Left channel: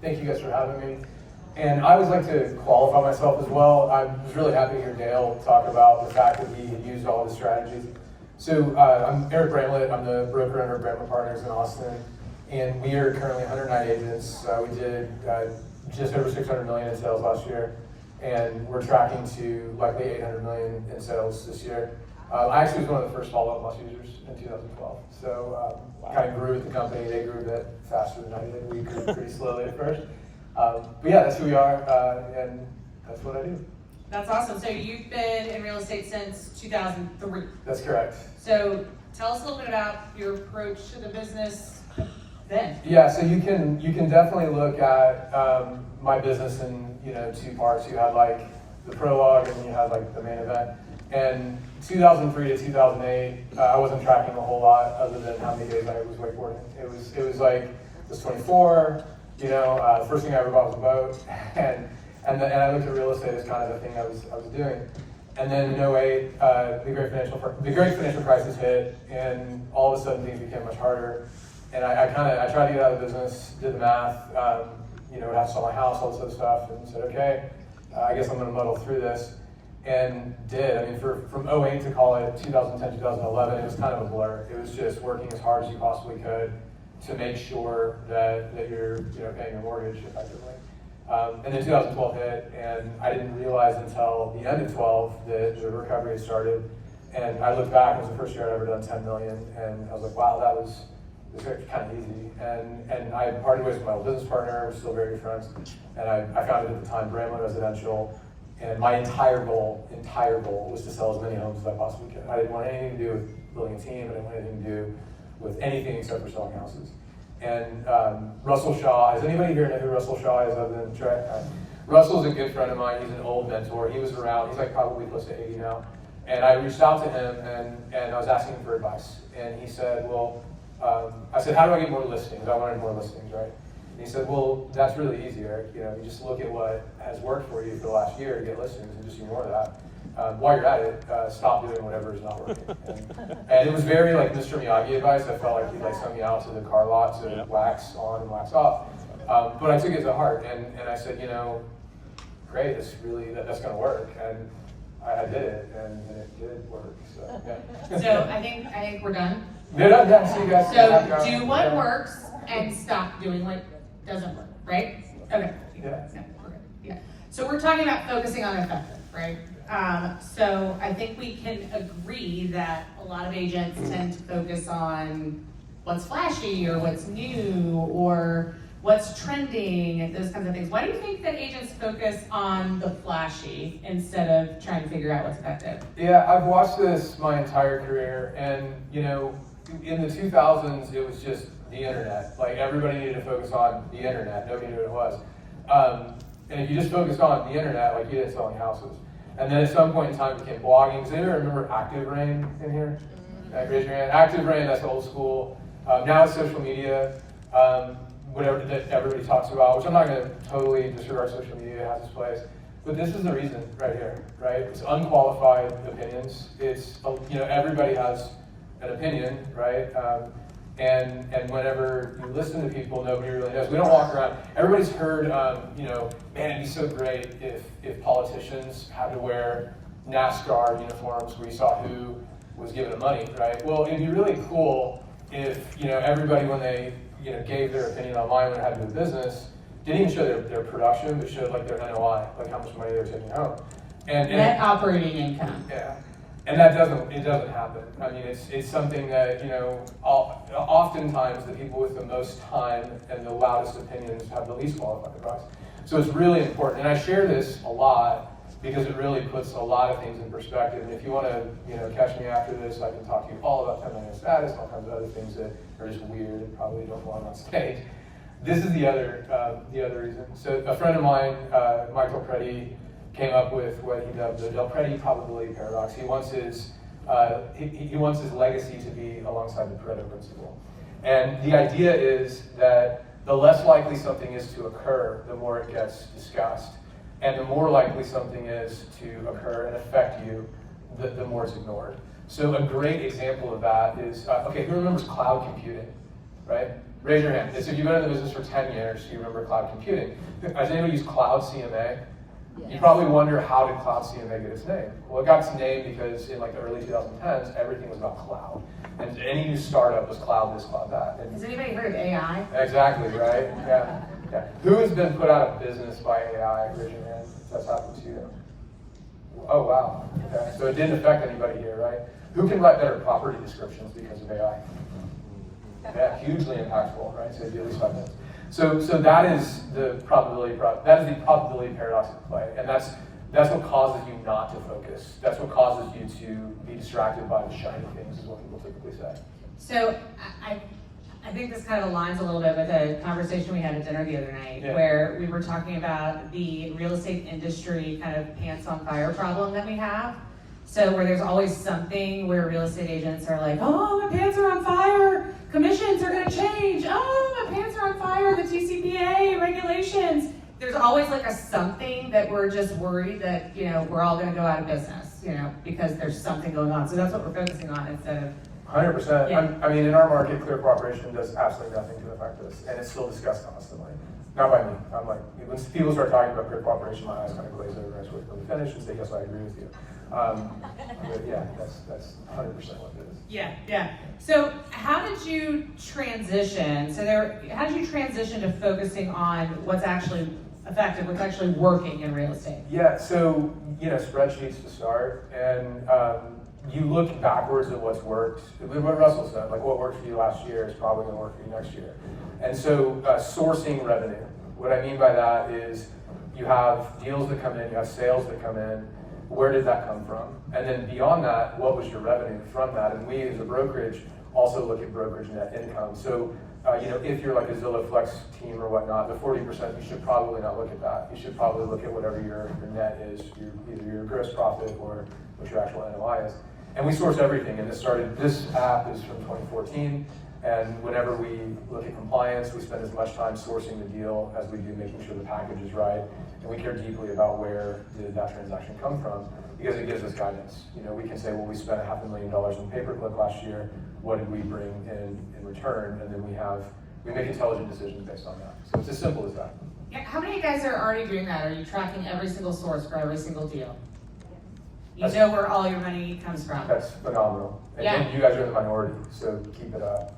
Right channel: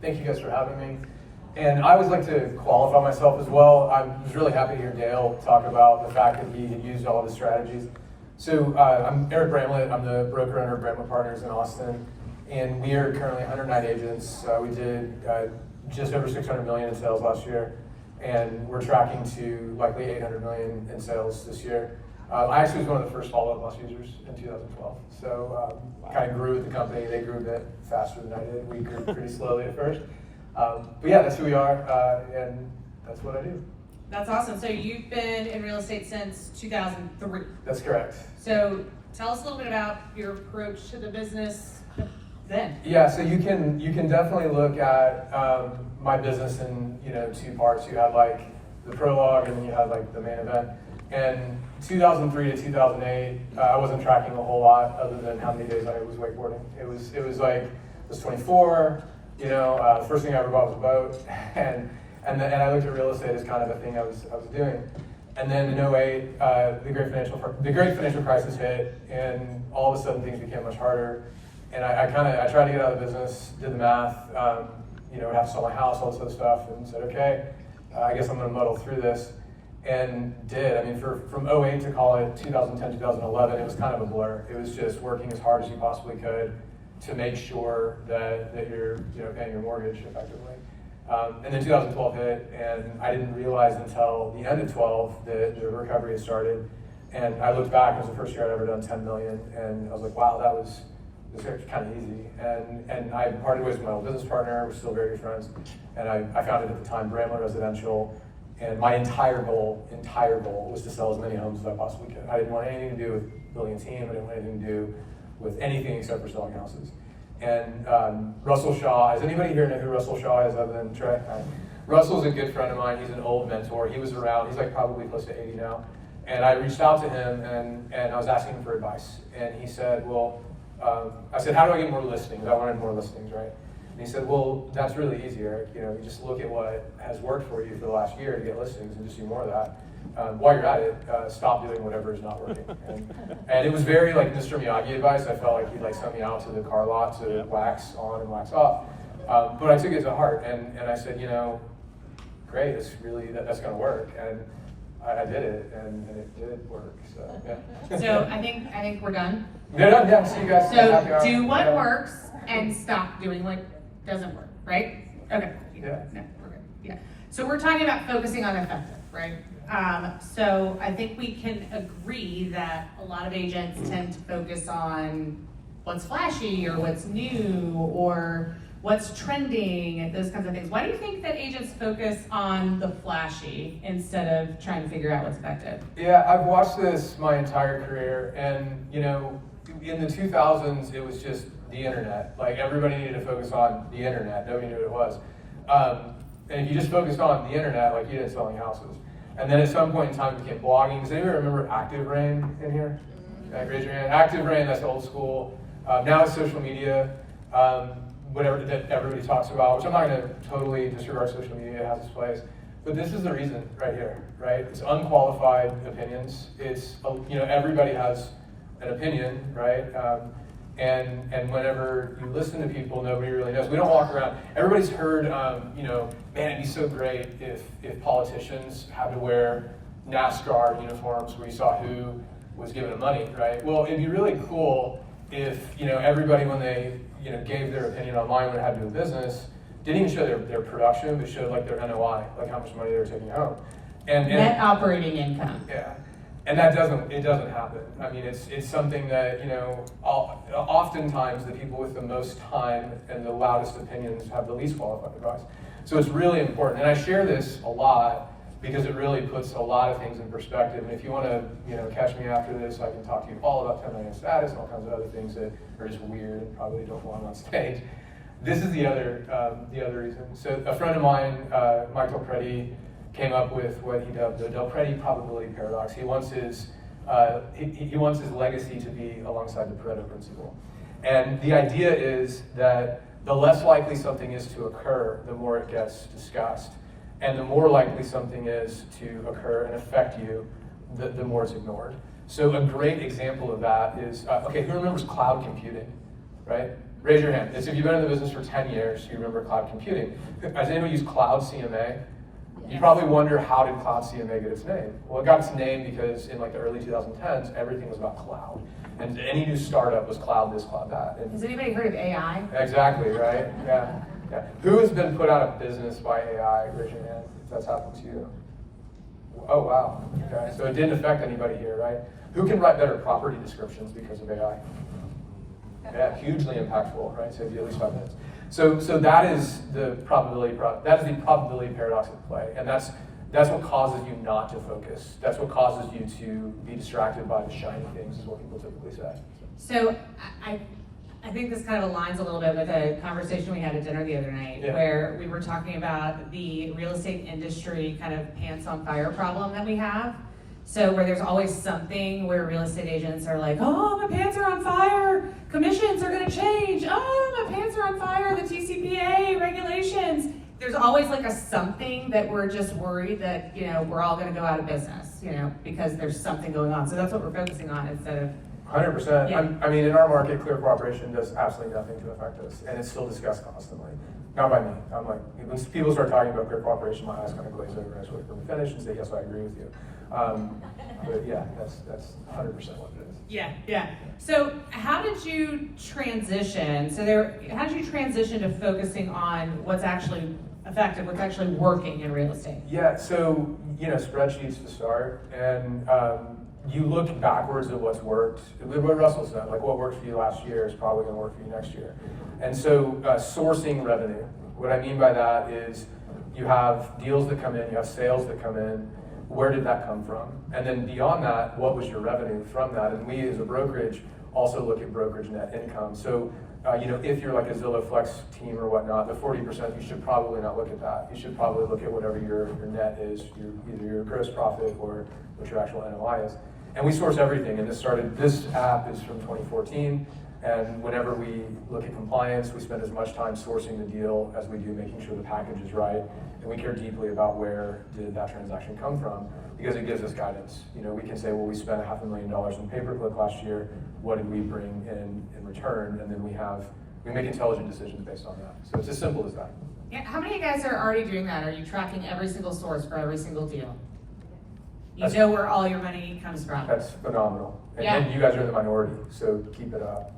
Thank you guys for having me. And I always like to qualify myself as well. I was really happy to hear Dale talk about the fact that he had used all the strategies. So I'm Eric Bramlett. I'm the broker owner of Bramlett Partners in Austin. And we are currently 109 agents. We did just over 600 million in sales last year. And we're tracking to likely 800 million in sales this year. I actually was one of the first Follow Up Plus users in 2012. So I kind of grew with the company. They grew a bit faster than I did. We grew pretty slowly at first. But yeah, that's who we are, and that's what I do. That's awesome. So you've been in real estate since 2003. That's correct. So tell us a little bit about your approach to the business then. Yeah, so you can definitely look at my business in two parts. You have like the prologue, and you have like the main event. And 2003 to 2008, I wasn't tracking a whole lot other than how many days I was wakeboarding. It was like, I was 24, the first thing I ever bought was a boat, and I looked at real estate as kind of the thing I was doing. And then in 2008, the great financial crisis hit, and all of a sudden things became much harder. And I tried to get out of the business, did the math, I'd have to sell my house, all this other stuff, and said, okay, I guess I'm gonna muddle through this. And did. I mean, from 2008 to call it 2010, 2011, it was kind of a blur. It was just working as hard as you possibly could to make sure that you're paying your mortgage effectively. And then 2012 hit, and I didn't realize until the end of 12 that the recovery had started. And I looked back, it was the first year I'd ever done 10 million, and I was like, wow, that was kind of easy. And I parted ways with my old business partner. We're still very good friends. And I founded at the time Bramlett Residential. And my entire goal was to sell as many homes as I possibly could. I didn't want anything to do with building a team. I didn't want anything to do with anything except for selling houses. And Russell Shaw, does anybody here know who Russell Shaw is other than Trey? Russell's a good friend of mine. He's an old mentor. He was around, he's like probably close to 80 now. And I reached out to him and I was asking him for advice. And he said, well, I said, how do I get more listings? I wanted more listings, right? And he said, well, that's really easy, Eric. You just look at what has worked for you for the last year to get listings and just ignore that. While you're at it, stop doing whatever is not working. And it was very like Mr. Miyagi advice. I felt like he'd like sent me out to the car lot to wax on and wax off. But I took it to heart and I said, great, it's really, that's gonna work. And I did it and it did work, so yeah. So I think we're done. Yeah, see you guys. So do what works and stop doing what doesn't work, right? Okay. Yeah. So we're talking about focusing on effective, right? So I think we can agree that a lot of agents tend to focus on what's flashy or what's new or what's trending and those kinds of things. Why do you think that agents focus on the flashy instead of trying to figure out what's effective? Yeah, I've watched this my entire career, and in the 2000s, it was just the internet. Like everybody needed to focus on the internet. Nobody knew what it was. And if you just focused on the internet, like you didn't sell any houses. And then at some point in time, it became blogging. Does anybody remember Active Rain in here? Raise your hand. Active Rain, that's old school. Now it's social media, whatever that everybody talks about, which I'm not going to totally disregard social media, has its place. But this is the reason right here, right? It's unqualified opinions. It's, everybody has an opinion, right? And whenever you listen to people, nobody really knows. We don't walk around. Everybody's heard, man, it'd be so great if politicians had to wear NASCAR uniforms where you saw who was giving them money, right? Well, it'd be really cool if everybody, when they gave their opinion online when it had to do with business, didn't even show their production, but showed like their NOI, like how much money they're taking home. And net operating income. Yeah. And it doesn't happen. I mean, it's something that, oftentimes the people with the most time and the loudest opinions have the least qualified advice. So it's really important. And I share this a lot because it really puts a lot of things in perspective. And if you want to, catch me after this, I can talk to you all about 10-minute status, all kinds of other things that are just weird and probably don't go on stage. This is the other reason. So a friend of mine, Mike Del Prete, came up with what he dubbed the Del Prete probability paradox. He wants his legacy to be alongside the Pareto principle. And the idea is that the less likely something is to occur, the more it gets discussed. And the more likely something is to occur and affect you, the more it's ignored. So a great example of that is, who remembers cloud computing, right? Raise your hand. So if you've been in the business for 10 years, you remember cloud computing. Has anybody used Cloud CMA? You probably wonder, how did Cloud CMA get its name? Well, it got its name because in like the early 2010s, everything was about cloud. And any new startup was cloud this, cloud that. And has anybody heard of AI? exactly, right? Yeah. Who has been put out of business by AI? Raise your hand if that's happened to you. Oh, wow. Okay. So it didn't affect anybody here, right? Who can write better property descriptions because of AI? Yeah, hugely impactful, right? Save you at least 5 minutes. So that is the probability paradox at play, and that's what causes you not to focus. That's what causes you to be distracted by the shiny things, is what people typically say. So I think this kind of aligns a little bit with a conversation we had at dinner the other night, where we were talking about the real estate industry kind of pants on fire problem that we have. So where there's always something where real estate agents are like, oh, my pants are on fire, commissions are gonna change, oh, my pants are on fire, the TCPA regulations. There's always like a something that we're just worried that, we're all gonna go out of business, because there's something going on. So that's what we're focusing on instead of 100%. Yeah. I mean, in our market, clear cooperation does absolutely nothing to affect us, and it's still discussed constantly. Not by me. I'm like, when people start talking about clear cooperation, my eyes kind of glaze over. I just wait for them to finish and say, yes, I agree with you. But yeah, that's 100% what it is. Yeah. So how did you transition? How did you transition to focusing on what's actually effective, what's actually working in real estate? Yeah, so, spreadsheets to start, and you look backwards at what's worked. What Russell said, like what worked for you last year is probably going to work for you next year. And so sourcing revenue. What I mean by that is you have deals that come in, you have sales that come in. Where did that come from? And then beyond that, what was your revenue from that? And we as a brokerage also look at brokerage net income. So if you're like a Zillow Flex team or whatnot, the 40%, you should probably not look at that. You should probably look at whatever your net is, either your gross profit or what your actual NOI is. And we source everything, and this app is from 2014, and whenever we look at compliance, we spend as much time sourcing the deal as we do making sure the package is right, and we care deeply about where did that transaction come from, because it gives us guidance. We can say, well, we spent $500,000 in pay-per-click last year, what did we bring in return, and then we make intelligent decisions based on that. So it's as simple as that. Yeah, how many of you guys are already doing that? Are you tracking every single source for every single deal? You know where all your money comes from. That's phenomenal. And you guys are the minority, so keep it up.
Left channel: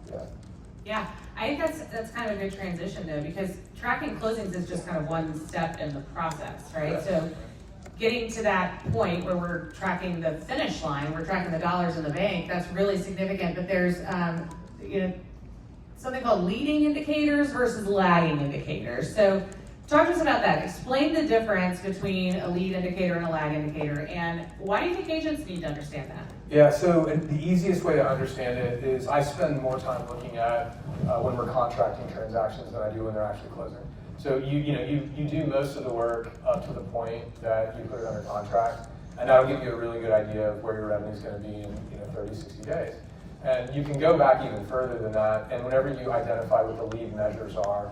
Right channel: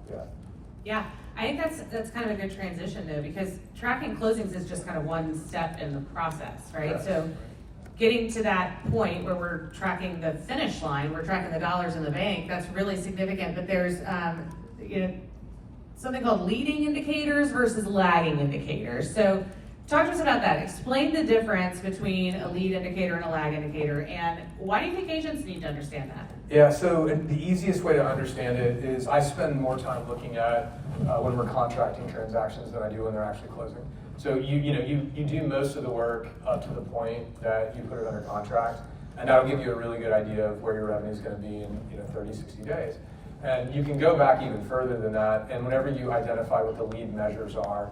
Yeah, I think that's kind of a good transition though, because tracking closings is just kind of one step in the process, right? Yes. So getting to that point where we're tracking the finish line, we're tracking the dollars in the bank, that's really significant. But there's something called leading indicators versus lagging indicators. So talk to us about that. Explain the difference between a lead indicator and a lag indicator, and why do you think agents need to understand that? Yeah, so the easiest way to understand it is I spend more time looking at when we're contracting transactions than I do when they're actually closing. So you do most of the work up to the point that you put it under contract, and that'll give you a really good idea of where your revenue is going to be in 30, 60 days. And you can go back even further than that, and whenever you identify what the lead measures are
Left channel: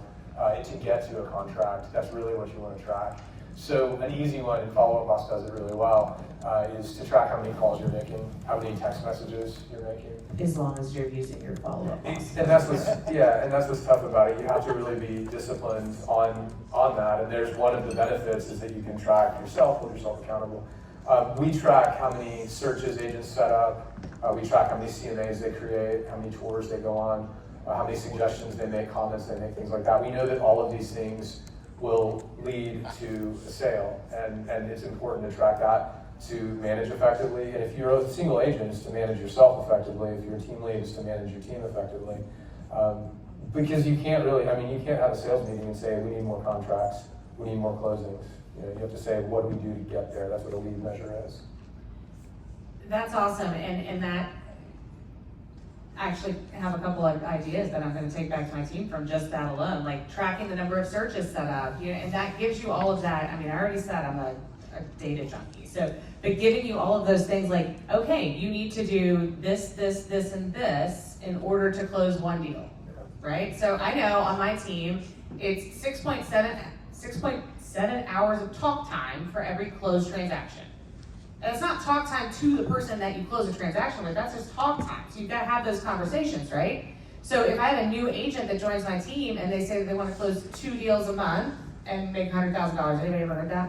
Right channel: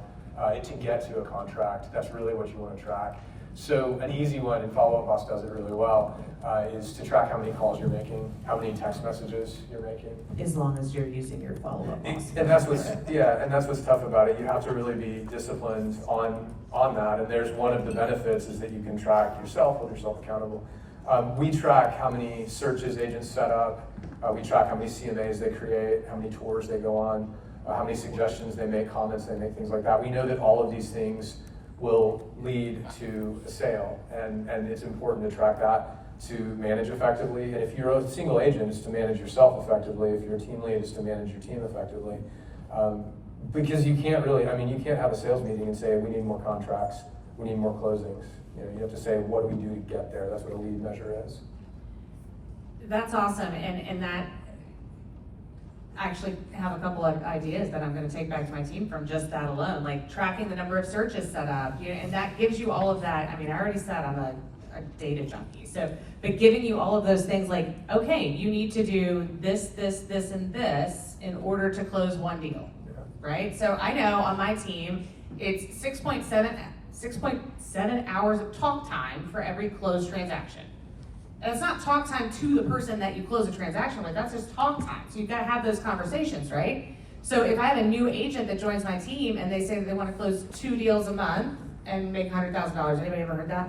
to get to a contract, that's really what you want to track. So an easy one, and Follow Up Boss does it really well, is to track how many calls you're making, how many text messages you're making. As long as you're using your Follow Up Boss. And that's what's tough about it. You have to really be disciplined on that. And there's one of the benefits is that you can track yourself, hold yourself accountable. We track how many searches agents set up. We track how many CMAs they create, how many tours they go on, how many suggestions they make, comments they make, things like that. We know that all of these things will lead to a sale, and it's important to track that to manage effectively. And if you're a single agent, it's to manage yourself effectively. If you're a team lead, it's to manage your team effectively. Because you can't have a sales meeting and say, we need more contracts, we need more closings. You have to say, what do we do to get there? That's what a lead measure is. That's awesome, and that I actually have a couple of ideas that I'm going to take back to my team from just that alone, like tracking the number of searches set up, and that gives you all of that. I mean, I already said I'm a data junkie, but giving you all of those things, like, okay, you need to do this, this, this, and this in order to close one deal, right? So I know on my team, it's 6.7 hours of talk time for every closed transaction. And it's not talk time to the person that you close a transaction with, that's just talk time. So you've got to have those conversations, right? So if I have a new agent that joins my team and they say that they want to close 2 deals a month and make $100,000, anybody ever heard that?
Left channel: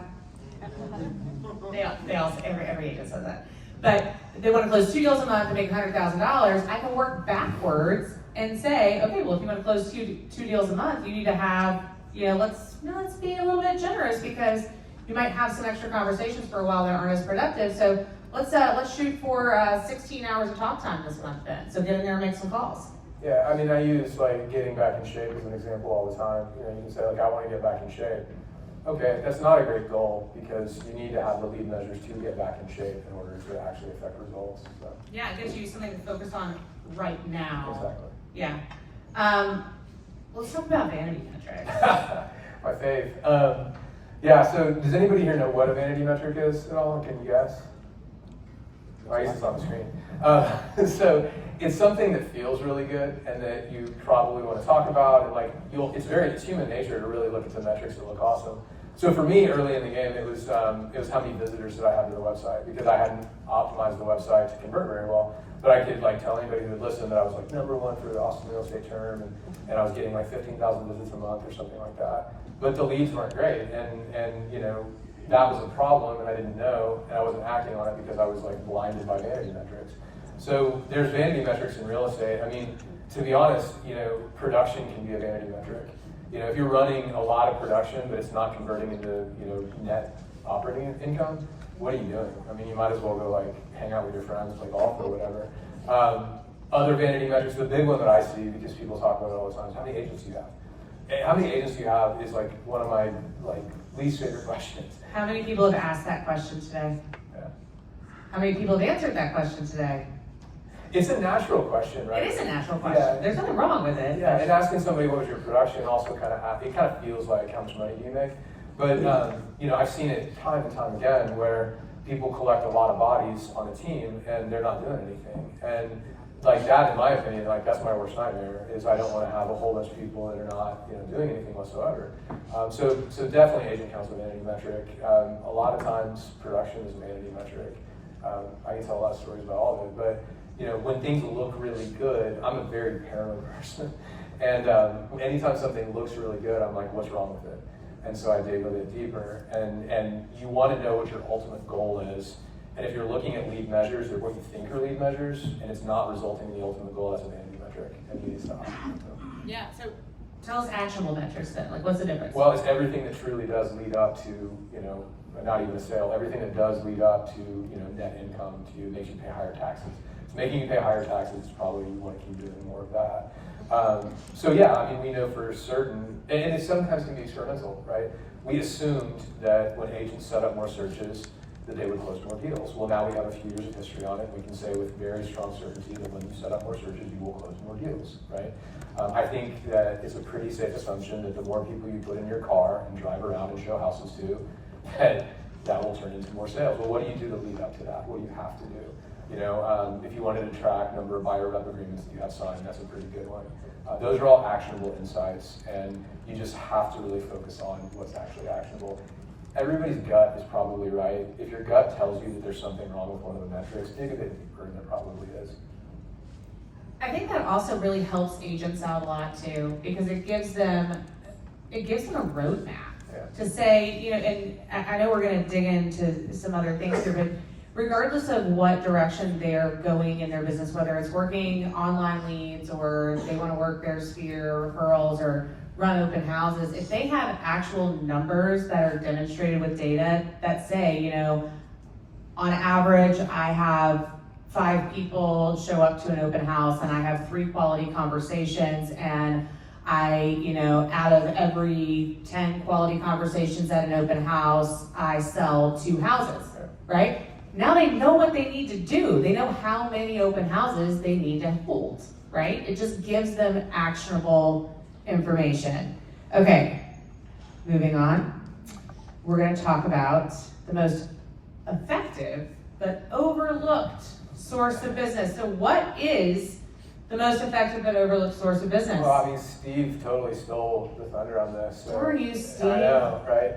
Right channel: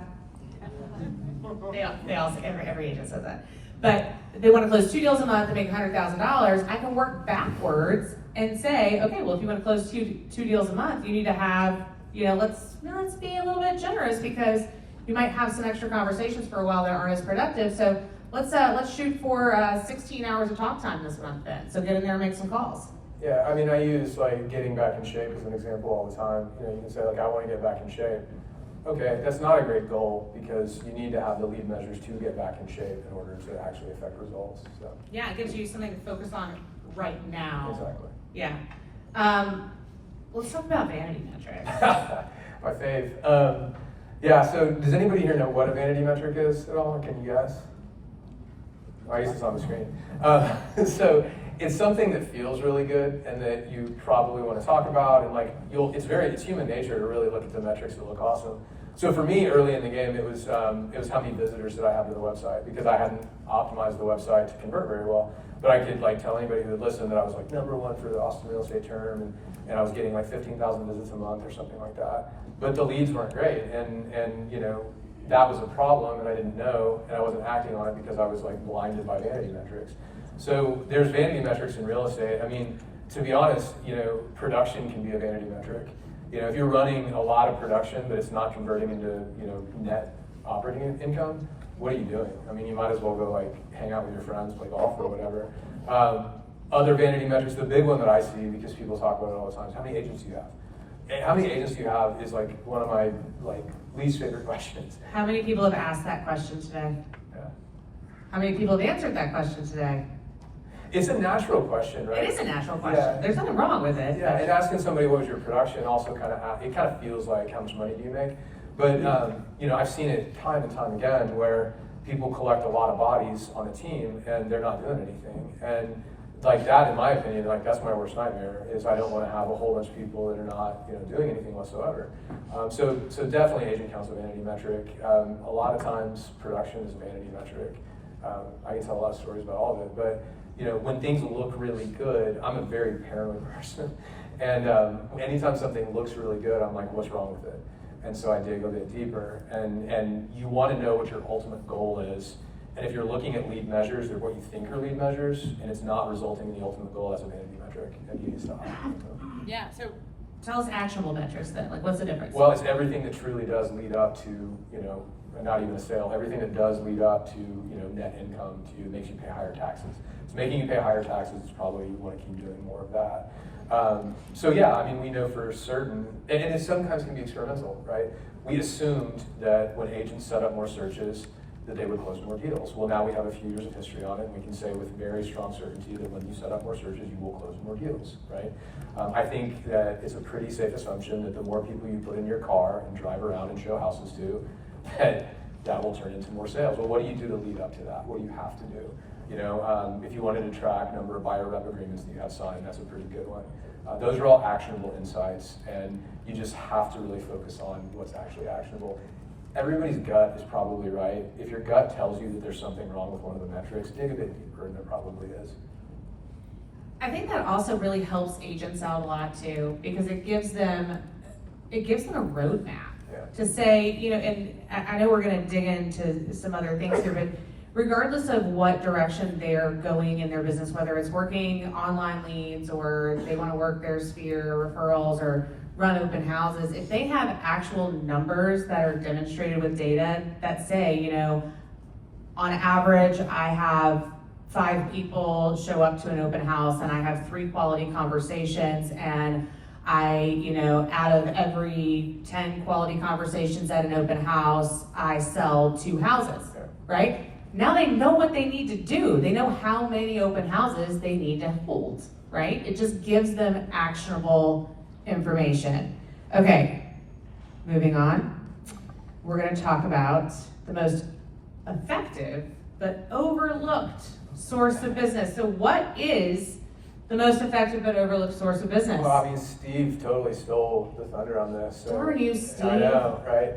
They all every agent says that. But they want to close 2 deals a month and make $100,000, I can work backwards and say, okay, well, if you want to close two deals a month, you need to have, let's be a little bit generous because you might have some extra conversations for a while that aren't as productive. So let's shoot for 16 hours of talk time this month then. So get in there and make some calls. Yeah, I mean, I use like getting back in shape as an example all the time. You can say like, I want to get back in shape. Okay, that's not a great goal because you need to have the lead measures to get back in shape in order to actually affect results. So. Yeah, it gives you something to focus on right now. Exactly. Yeah. Let's talk about vanity metrics. My fave. Yeah, so does anybody here know what a vanity metric is at all? Can you guess? I guess it's on the screen. So it's something that feels really good and that you probably want to talk about, and like it's human nature to really look at the metrics that look awesome. So for me, early in the game, it was how many visitors did I have to the website, because I hadn't optimized the website to convert very well. But I could like tell anybody who would listen that I was like #1 for the Austin real estate term, and I was getting like 15,000 visits a month or something like that. But the leads weren't great, and that was a problem, and I didn't know, and I wasn't acting on it because I was like blinded by vanity metrics. So there's vanity metrics in real estate. I mean, to be honest, production can be a vanity metric. If you're running a lot of production, but it's not converting into, net operating income, what are you doing? I mean, you might as well go like hang out with your friends, play golf or whatever. Other vanity metrics, the big one that I see, because people talk about it all the time, is how many agents do you have? How many agents do you have is like one of my least favorite questions. How many people have asked that question today? Yeah. How many people have answered that question today? It's a natural question, right? It is a natural question. Yeah. There's nothing wrong with it. Yeah, and asking somebody what was your production also kind of feels like how much money do you make. But I've seen it time and time again where people collect a lot of bodies on a team and they're not doing anything. And like that, in my opinion, like that's my worst nightmare, is I don't want to have a whole bunch of people that are not doing anything whatsoever. So definitely agent count's a vanity metric. A lot of times production is a vanity metric. I can tell a lot of stories about all of it, but when things look really good, I'm a very paranoid person. And anytime something looks really good, I'm like, what's wrong with it? And so I dig a bit deeper. And you want to know what your ultimate goal is. And if you're looking at lead measures or what you think are lead measures, and it's not resulting in the ultimate goal, that's a vanity metric, and you need to stop. Yeah, so tell us actionable metrics then. Like, what's the difference? Well, it's everything that truly does lead up to, not even a sale, everything that does lead up to, net income, to makes you pay higher taxes. It's making you pay higher taxes, probably you want to keep doing more of that. So yeah, I mean, we know for certain, and it sometimes can be experimental, right? We assumed that when agents set up more searches, that they would close more deals. Well, now we have a few years of history on it. We can say with very strong certainty that when you set up more searches, you will close more deals, right? I think that it's a pretty safe assumption that the more people you put in your car and drive around and show houses to, that will turn into more sales. Well, what do you do to lead up to that? What do you have to do? If you wanted to track number of buyer rep agreements that you have signed, that's a pretty good one. Those are all actionable insights, and you just have to really focus on what's actually actionable. Everybody's gut is probably right. If your gut tells you that there's something wrong with one of the metrics, dig a bit deeper, and there probably is. I think that also really helps agents out a lot too, because it gives them a roadmap to say, and I know we're going to dig into some other things here, but regardless of what direction they're going in their business, whether it's working online leads or they want to work their sphere referrals or run open houses, if they have actual numbers that are demonstrated with data that say, on average, I have 5 people show up to an open house and I have 3 quality conversations, and I, out of every 10 quality conversations at an open house, I sell 2 houses, right? Now they know what they need to do. They know how many open houses they need to hold, right? It just gives them actionable information. Okay, moving on. We're going to talk about the most effective but overlooked source of business. So what is the most effective but overlooked source of business? Well, I mean, Steve totally stole the thunder on this. So. Darn you, Steve. I know, right?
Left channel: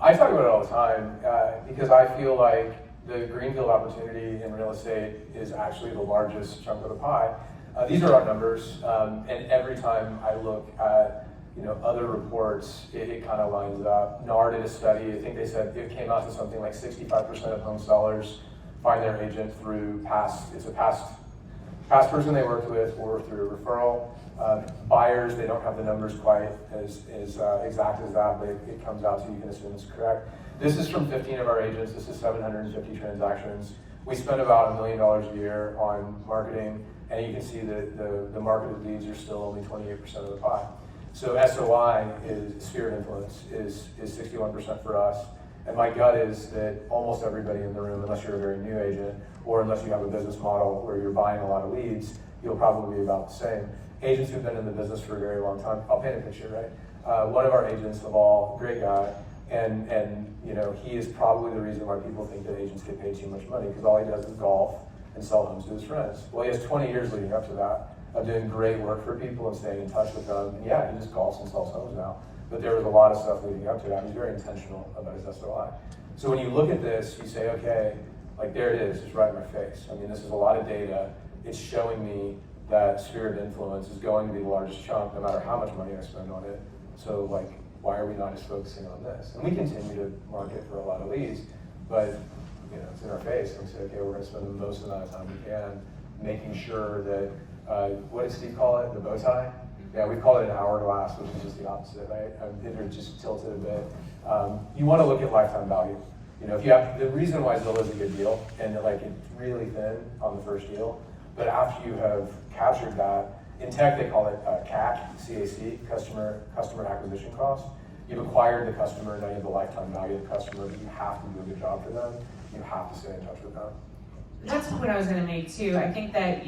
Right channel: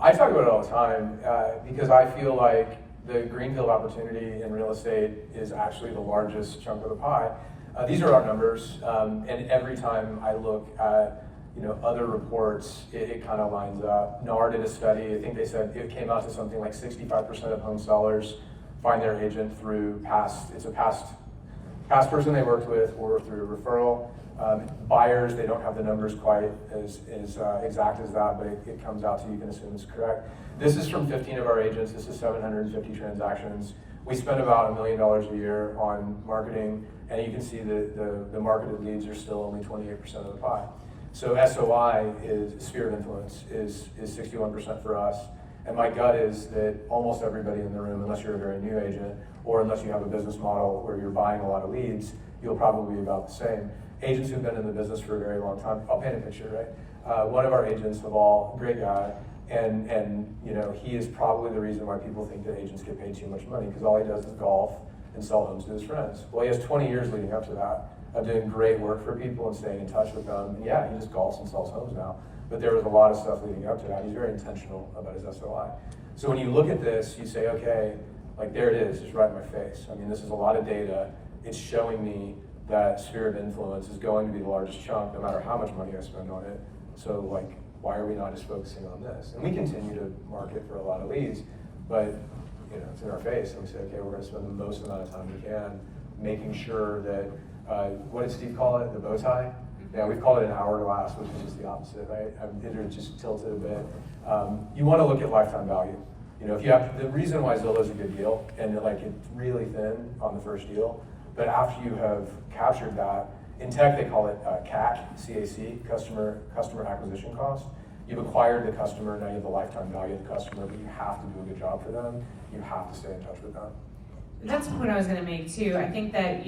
I talk about it all the time because I feel like the greenfield opportunity in real estate is actually the largest chunk of the pie. These are our numbers, and every time I look at other reports, it kind of lines up. NAR did a study. I think they said it came out to something like 65% of home sellers find their agent through past person they worked with or through a referral. Buyers, they don't have the numbers quite as exact as that, but it comes out to, you can assume it's correct. This is from 15 of our agents. This is 750 transactions. We spend about $1 million a year on marketing, and you can see that the marketed leads are still only 28% of the pie. So SOI is sphere of influence is 61% for us. And my gut is that almost everybody in the room, unless you're a very new agent, or unless you have a business model where you're buying a lot of leads, you'll probably be about the same. Agents who've been in the business for a very long time, I'll paint a picture, right? One of our agents of all, great guy, and he is probably the reason why people think that agents get paid too much money, because all he does is golf and sell homes to his friends. Well, he has 20 years leading up to that of doing great work for people and staying in touch with them. And yeah, he just golfs and sells homes now. But there was a lot of stuff leading up to that. He's very intentional about his SOI. So when you look at this, you say, okay, like there it is, just right in my face. I mean, this is a lot of data. It's showing me that sphere of influence is going to be the largest chunk, no matter how much money I spend on it. So like, why are we not just focusing on this? And we continue to market for a lot of leads, but it's in our face. And we say, okay, we're gonna spend the most amount of time we can making sure that, what did Steve call it, the bow tie? Yeah, we call it an hourglass, which is just the opposite, right? It just tilted a bit. You want to look at lifetime value. If you have the reason why Zillow is a good deal, and it's really thin on the first deal, but after you have captured that, in tech they call it CAC, CAC, customer acquisition cost. You've acquired the customer, now you have the lifetime value of the customer, but you have to do a good job for them. You have to stay in touch with them. That's the point I was going to make too. I think that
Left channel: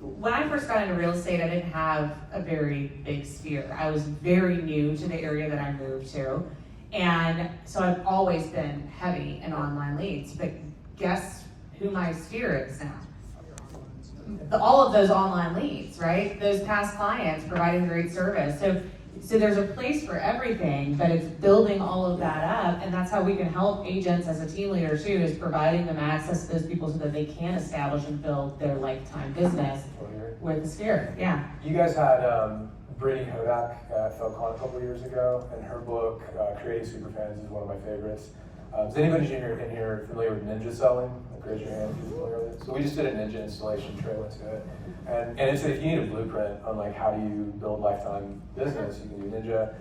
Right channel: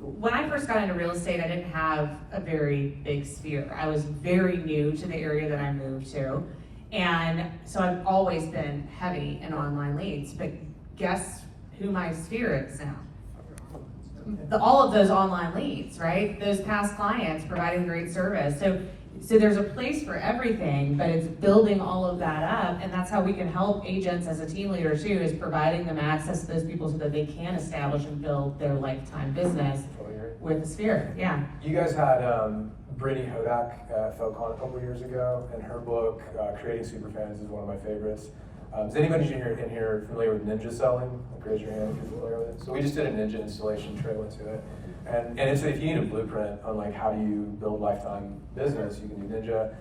when I first got into real estate, I didn't have a very big sphere. I was very new to the area that I moved to. And so I've always been heavy in online leads. But guess who my sphere is now? All of those online leads, right? Those past clients providing great service. So there's a place for everything, but it's building all of that up, and that's how we can help agents as a team leader too, is providing them access to those people so that they can establish and build their lifetime business with the sphere. Yeah. You guys had Brittany Hodak at FUB a couple of years ago, and her book, Creating Superfans, is one of my favorites. Is anybody in here familiar with ninja selling? Raise your hand if you're familiar with it. So we just did a ninja installation trailer to it. And it's if you need a blueprint on how do you build lifetime business, you can do ninja.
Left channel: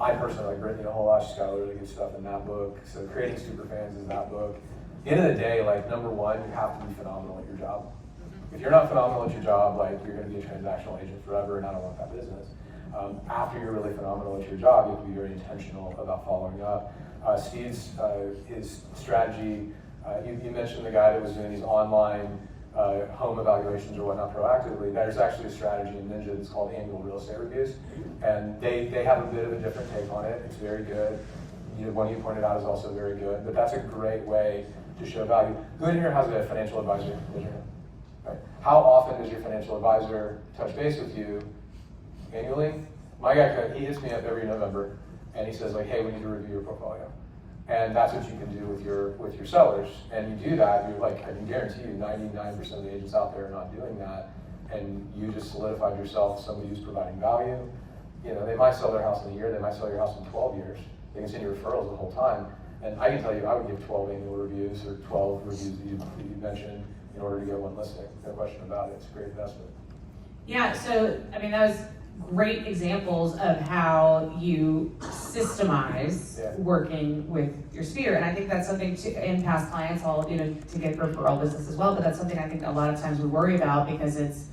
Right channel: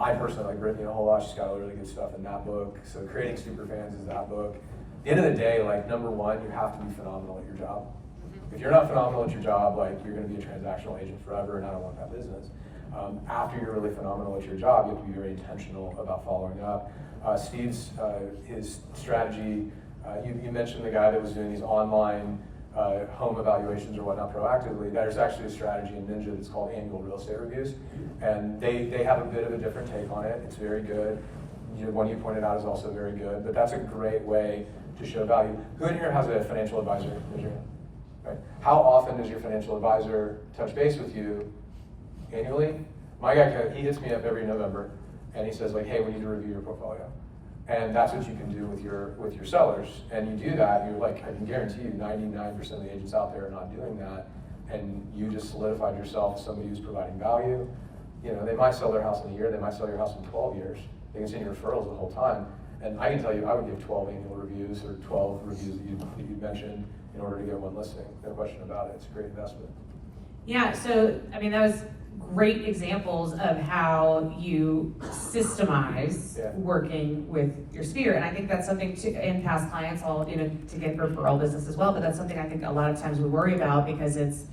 I personally like Brittany a whole lot. She's got a lot of really good stuff in that book. So Creating Superfans is that book. At the end of the day, number one, you have to be phenomenal at your job. If you're not phenomenal at your job, you're going to be a transactional agent forever, and I don't want that business. After you're really phenomenal at your job, you have to be very intentional about following up. Steve's his strategy. You mentioned the guy that was doing these online home evaluations or whatnot proactively. There's actually a strategy in Ninja that's called annual real estate reviews, and they have a bit of a different take on it. It's very good. The one you pointed out is also very good, but that's a great way to show value. Who in here has a financial advisor? Right. How often does your financial advisor touch base with you annually? My guy, he hits me up every November, and he says hey, we need to review your portfolio. And that's what you can do with your sellers. And you do that, you're I can guarantee you 99% of the agents out there are not doing that, and you just solidified yourself as somebody who's providing value. They might sell their house in a year, they might sell your house in 12 years. They can send you referrals the whole time. And I can tell you, I would give 12 annual reviews or 12 reviews that you mentioned in order to get one listing. No question about it. It's a great investment. Yeah, so that was great examples of how you systemize working with your sphere. And I think that's something in past clients all, to get referral business as well, but that's something I think a lot of times we worry about because it's,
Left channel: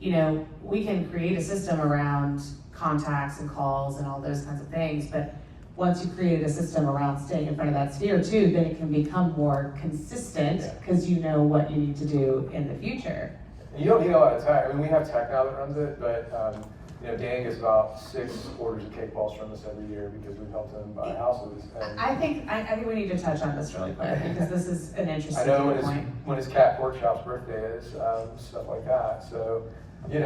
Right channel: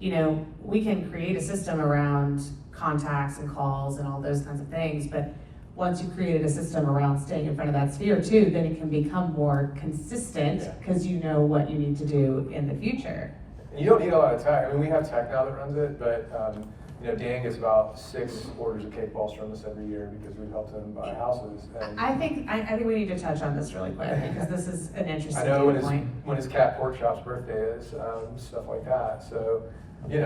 we can create a system around contacts and calls and all those kinds of things, but once you've created a system around staying in front of that sphere too, then it can become more consistent because you know what you need to do in the future. And you don't need a lot of tech. We have tech now that runs it, but Dan gets about 6 orders of cake balls from us every year because we've helped him buy houses. And I think we need to touch on this really quick because this is an interesting I know point. when his cat pork chop's birthday is, stuff like that. So, you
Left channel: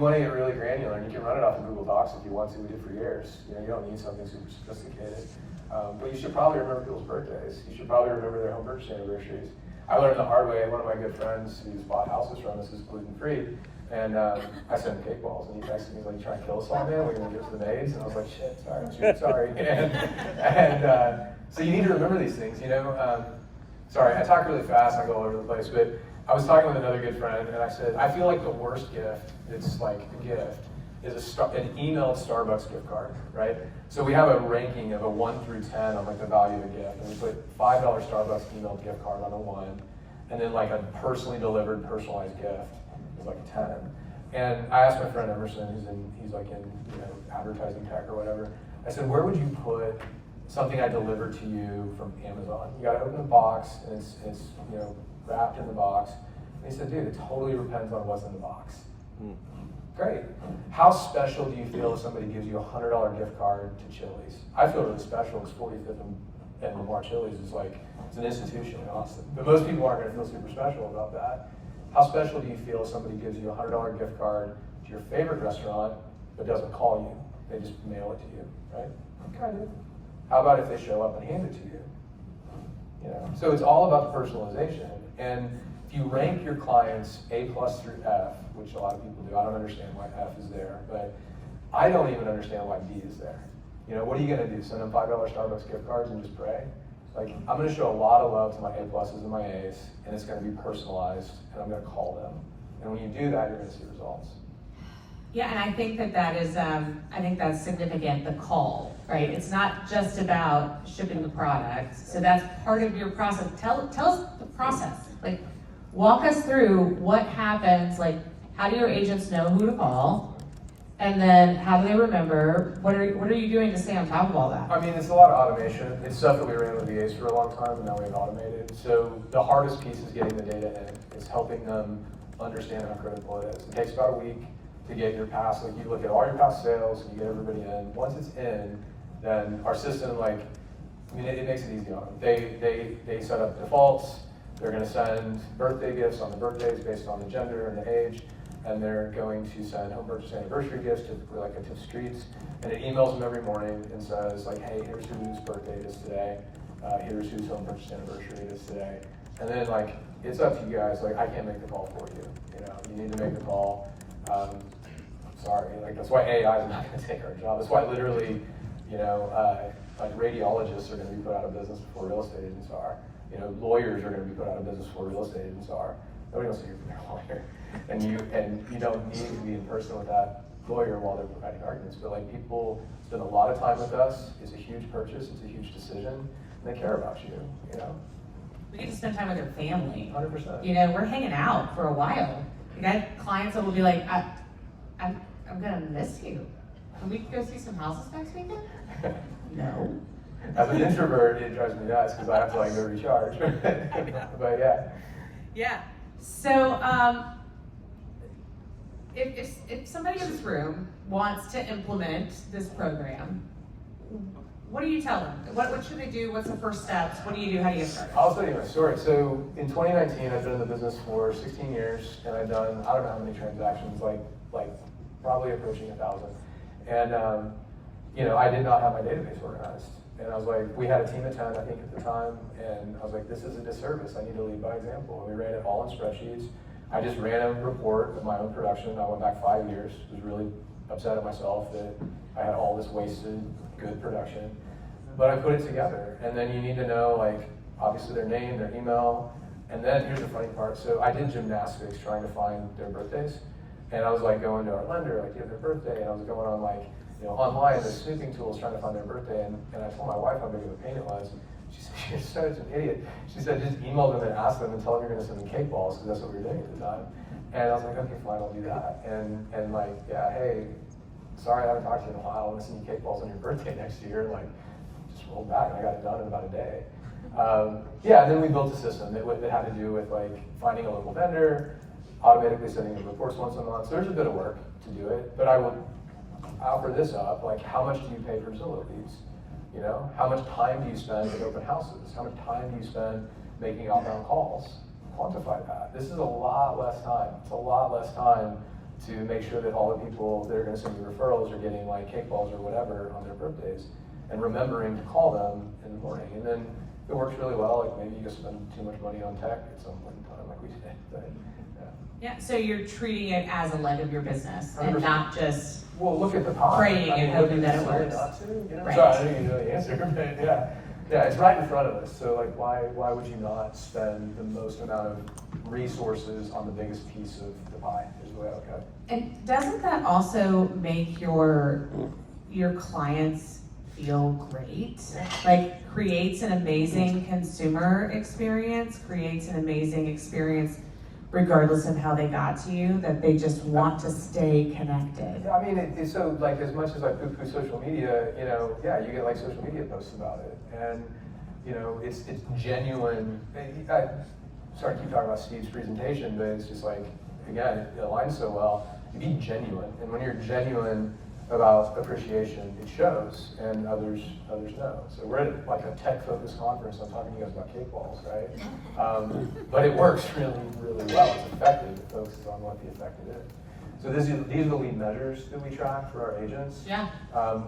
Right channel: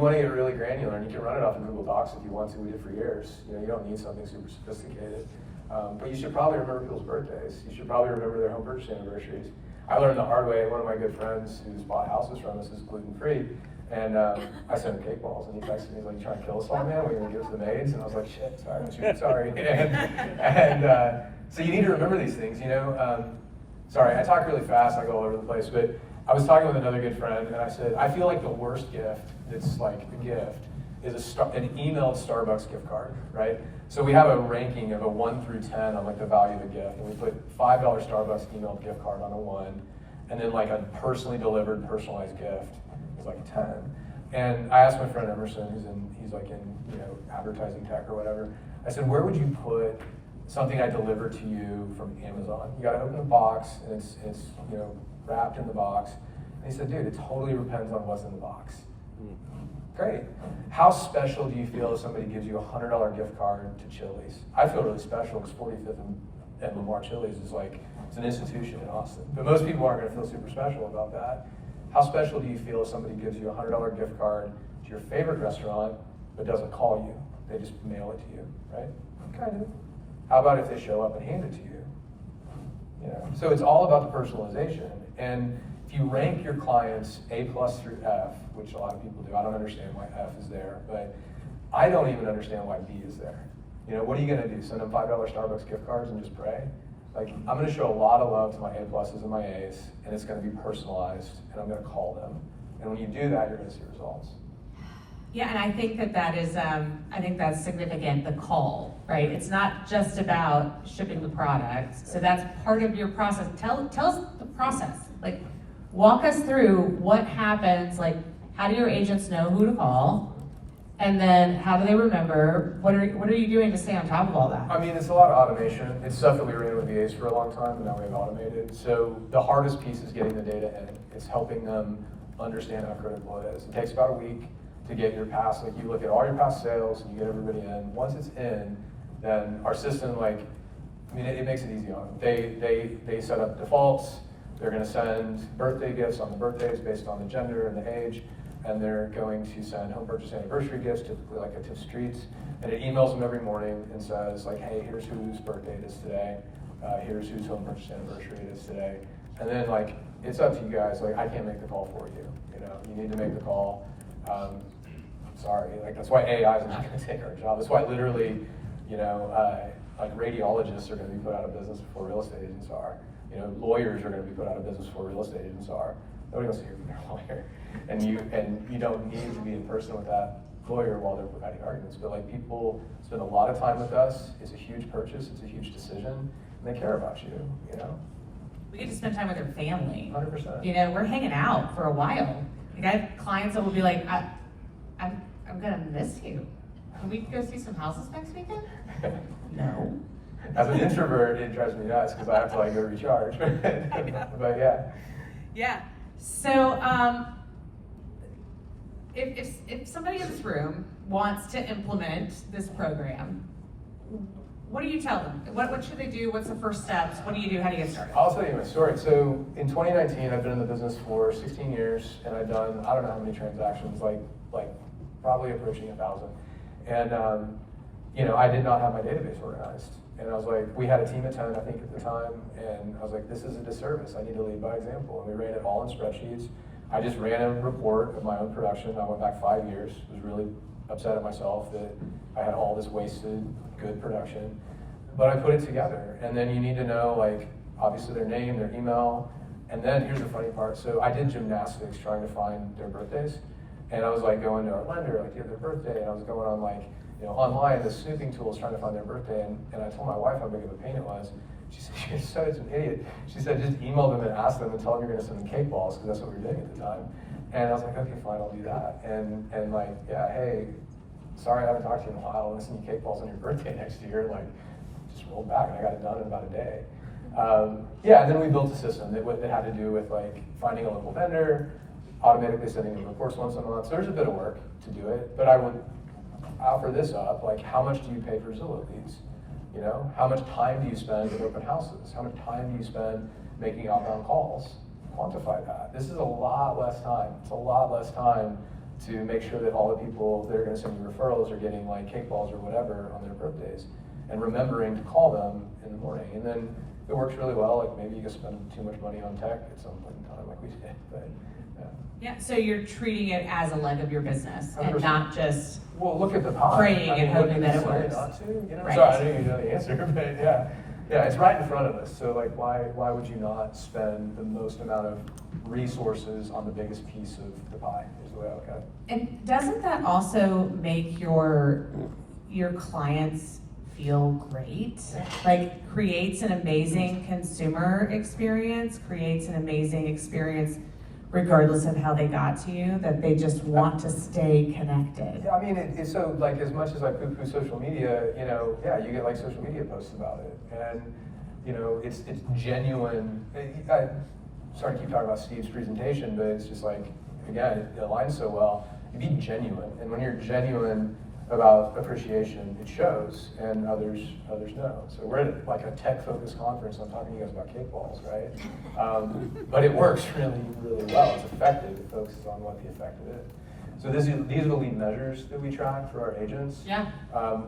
want to get really granular, and you can run it off of Google Docs if you want to. We did for years. You don't need something super sophisticated. But you should probably remember people's birthdays. You should probably remember their home purchase anniversaries. I learned the hard way. One of my good friends who's bought houses from us is gluten-free. And I sent him cake walls, and he texted me, like, trying to kill us all now, we're gonna give it to the maids, and I was like, shit, sorry. So you need to remember these things, you know? Sorry, I talk really fast, I go all over the place, but I was talking with another good friend, and I said, I feel like the worst gift, that's like a gift, is an emailed Starbucks gift card, right? So we have a ranking of a 1 through 10 on like the value of a gift, and we put $5 Starbucks emailed gift card on the 1, and then like a personally delivered, personalized gift is like a 10. And I asked my friend Emerson, he's like in, you know, advertising tech or whatever, I said, where would you put something I delivered to you from Amazon? You gotta open the box, and it's you know, wrapped in the box. And he said, dude, it totally depends on what's in the box. Great. How special do you feel if somebody gives you a $100 gift card to Chili's? I feel really special because 45th and Lamar Chili's is like, it's an institution in Austin. But most people aren't gonna feel super special about that. How special do you feel if somebody gives you a $100 gift card to your favorite restaurant, but doesn't call you? They just mail it to you, right? Kind of. How about if they show up and hand it to you? You know, so it's all about the personalization. And if you rank your clients A+ through F, which a lot of people do, I don't understand why F is there, but I don't even understand why B is there. You know, what are you gonna do? Send them $5 Starbucks gift cards and just pray? Like, I'm gonna show a lot of love to my A+ and my A's, and it's gonna be personalized, and I'm gonna call them. And when you do that, you're gonna see results. Yeah, and I think that is, I think that's significant, the call, right? It's not just about shipping the product. So that's part of your process. Tell us the process. Like, walk us through what happens, like, how do your agents know who to call? And then how do they remember? What are you doing to stay on top of all that? I mean, it's a lot of automation. It's stuff that we ran with VAs for a long time, and now we've automated. So the hardest piece is getting the data in. It's helping them understand how critical it is. It takes about a week to get your past, like you look at all your past sales, you get everybody in. Once it's in, then our system, like, I mean, it makes it easy on them. They set up defaults. They're gonna send birthday gifts on the birthdays based on the gender and the age, and they're going to send home purchase anniversary gifts to like a TIF Streets, and it emails them every morning and says like, hey, here's whose birthday it is today, here's whose home purchase anniversary it is today, and then like, it's up to you guys, like I can't make the call for you, you know, you need to make the call. Sorry, like that's why AI is not gonna take our job. That's why literally, you know, like radiologists are gonna be put out of business before real estate agents are. You know, lawyers are going to be put out of business before real estate agents are. Nobody wants to hear from their lawyer, and you don't need to be in person with that lawyer while they're providing arguments. But like people spend a lot of time with us. It's a huge purchase. It's a huge decision, and they care about you. You know, We get to spend time with their family. 100%. You know, we're hanging out for a while. Like I have clients that will be like, I'm gonna miss you. Can we go see some houses next weekend? No. As an introvert, it drives me nuts because I have to like go recharge. But yeah. Yeah. So, if somebody in this room wants to implement this program, what do you tell them? What should they do? What's the first steps? What do you do? How do you get started? I'll tell you my story. So in 2019, I've been in the business for 16 years, and I've done, I don't know how many transactions, like probably approaching 1,000. And you know, I did not have my database organized. And I was like, we had a team of 10, I think, at the time, and I was like, this is a disservice. I need to lead by example. And we ran it all in spreadsheets. I just ran a report of my own production. I went back 5 years. Was really upset at myself that I had all this wasted good production. But I put it together. And then you need to know, like, obviously their name, their email. And then here's the funny part. So I did gymnastics trying to find their birthdays. And I was like going to our lender, like, give their birthday. And I was going on like, you know, online, the snooping tools trying to find their birthday, and I told my wife how big of a pain it was. She said, you're such an idiot. She said, just email them and ask them and tell them you're gonna send them cake balls, because that's what we were doing at the time. And I was like, okay, fine, I'll do that. And like, yeah, hey, sorry I haven't talked to you in a while, I'm gonna send you cake balls on your birthday next year. Like, just rolled back, and I got it done in about a day. Yeah, and then we built a system that had to do with like finding a local vendor, automatically sending them reports once a month. So there's a bit of work to do it, but I would offer this up, like how much do you pay for Zillow fees? You know, how much time do you spend at open houses? How much time do you spend making outbound calls? Quantify that. This is a lot less time. It's a lot less time to make sure that all the people that are gonna send you referrals are getting like cake balls or whatever on their birthdays, and remembering to call them in the morning. And then it works really well, like maybe you can spend too much money on tech at some point in time like we did, but yeah. Yeah, so you're treating it as a leg of your business and 100%. not just, Well, look at the pie. praying and hoping that it what works. not to, you know? Right. Sorry, I didn't know the answer, but yeah, it's right in front of us. So like, why would you not spend the most amount of resources on the biggest piece of the pie? Is the way I look at it. and doesn't that also make your clients feel great? Like, creates an amazing consumer experience, creates an amazing experience regardless of how they got to you, that they just want to stay connected. Yeah, I mean, it's so like, as much as I poo-poo social media, you know, yeah, you get like social media posts about it, and you know, it's genuine. Sorry to keep talking about Steve's presentation, but it's just like, again, it aligns so well. You be genuine, and when you're genuine about appreciation, it shows, and others know. So we're at like a tech-focused conference. I'm talking to you guys about cake walls, right? But it works really, really well. It's effective. It focuses on what the effective is. So these are the lead measures that we track for our agents. Yeah.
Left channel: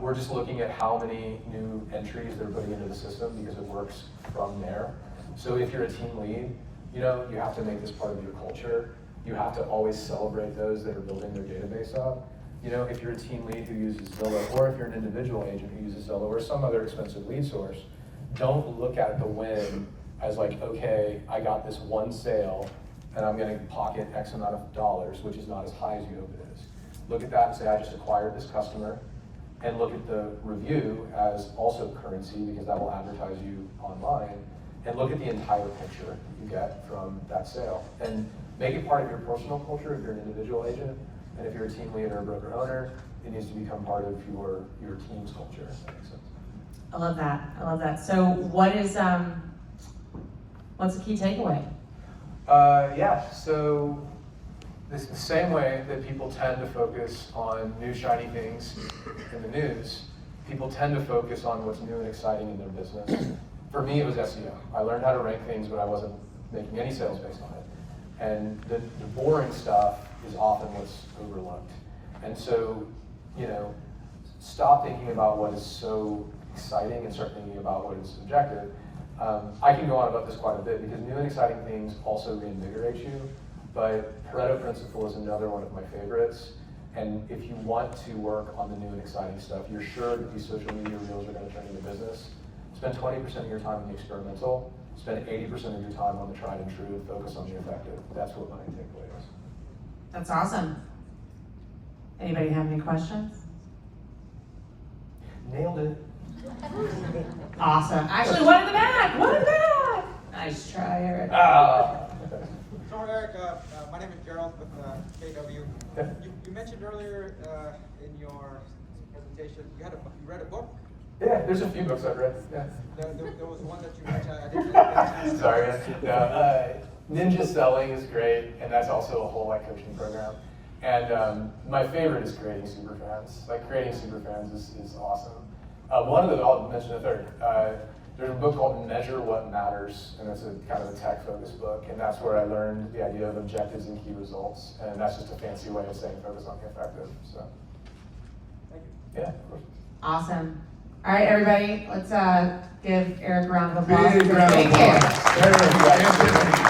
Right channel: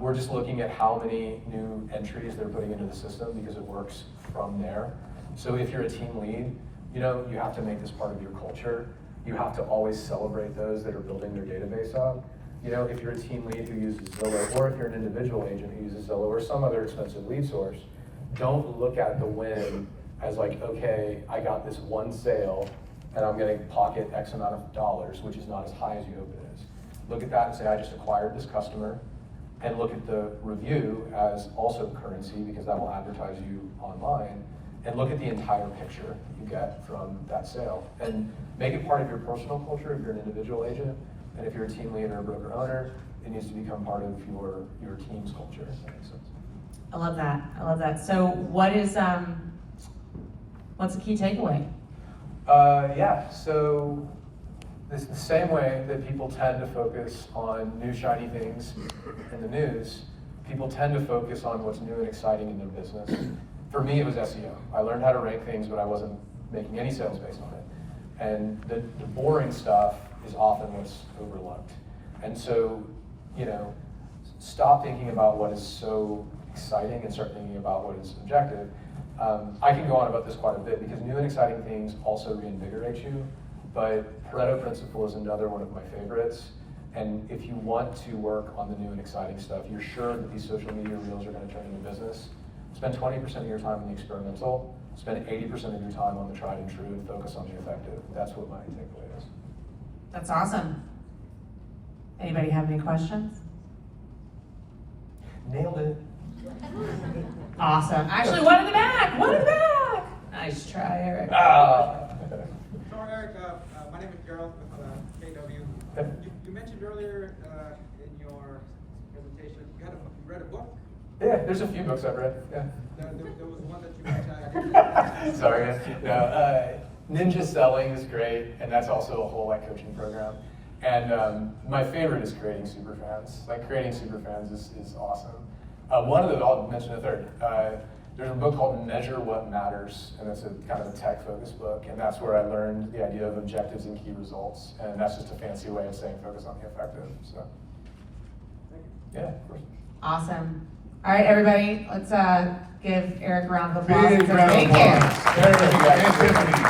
We're just looking at how many new entries they're putting into the system because it works from there. So if you're a team lead, you know, you have to make this part of your culture. You have to always celebrate those that are building their database up. You know, if you're a team lead who uses Zillow, or if you're an individual agent who uses Zillow or some other expensive lead source, don't look at the win as like, okay, I got this one sale and I'm gonna pocket X amount of dollars, which is not as high as you hope it is. Look at that and say, I just acquired this customer, and look at the review as also currency because that will advertise you online, and look at the entire picture you get from that sale. And make it part of your personal culture if you're an individual agent. And if you're a team leader or a broker owner, it needs to become part of your team's culture. I love that. I love that. So what's the key takeaway? So this the same way that people tend to focus on new shiny things in the news, people tend to focus on what's new and exciting in their business. For me, it was SEO. I learned how to rank things, but I wasn't making any sales based on it. And the boring stuff is often what's overlooked. And so, you know, stop thinking about what is so exciting and start thinking about what is objective. I can go on about this quite a bit because new and exciting things also reinvigorate you, but Pareto principle is another one of my favorites. And if you want to work on the new and exciting stuff, you're sure that these social media reels are going to turn into business. Spend 20% of your time on the experimental, spend 80% of your time on the tried and true, and focus on the effective. That's what my takeaway is. That's awesome. Anybody have any questions? Nailed it. Awesome. Actually, one in the back. One in the back. Nice try, Eric. So Eric, my name is Gerald with KW. You mentioned earlier in your presentation you read a book. Yeah, there's a few books I've read. Yeah. There was one that you mentioned. I didn't Sorry. No, Ninja Selling is great, and that's also a whole like coaching program. And my favorite is creating superfans. Like creating superfans is awesome. One of the, I'll mention a third. There's a book called Measure What Matters, and it's a kind of a tech-focused book, and that's where I learned the idea of objectives and key results, and that's just a fancy way of saying focus on the effective. So, yeah, of course. Awesome. All right, everybody, let's give Eric a round of applause. Big round of Thank you. applause. Thank you.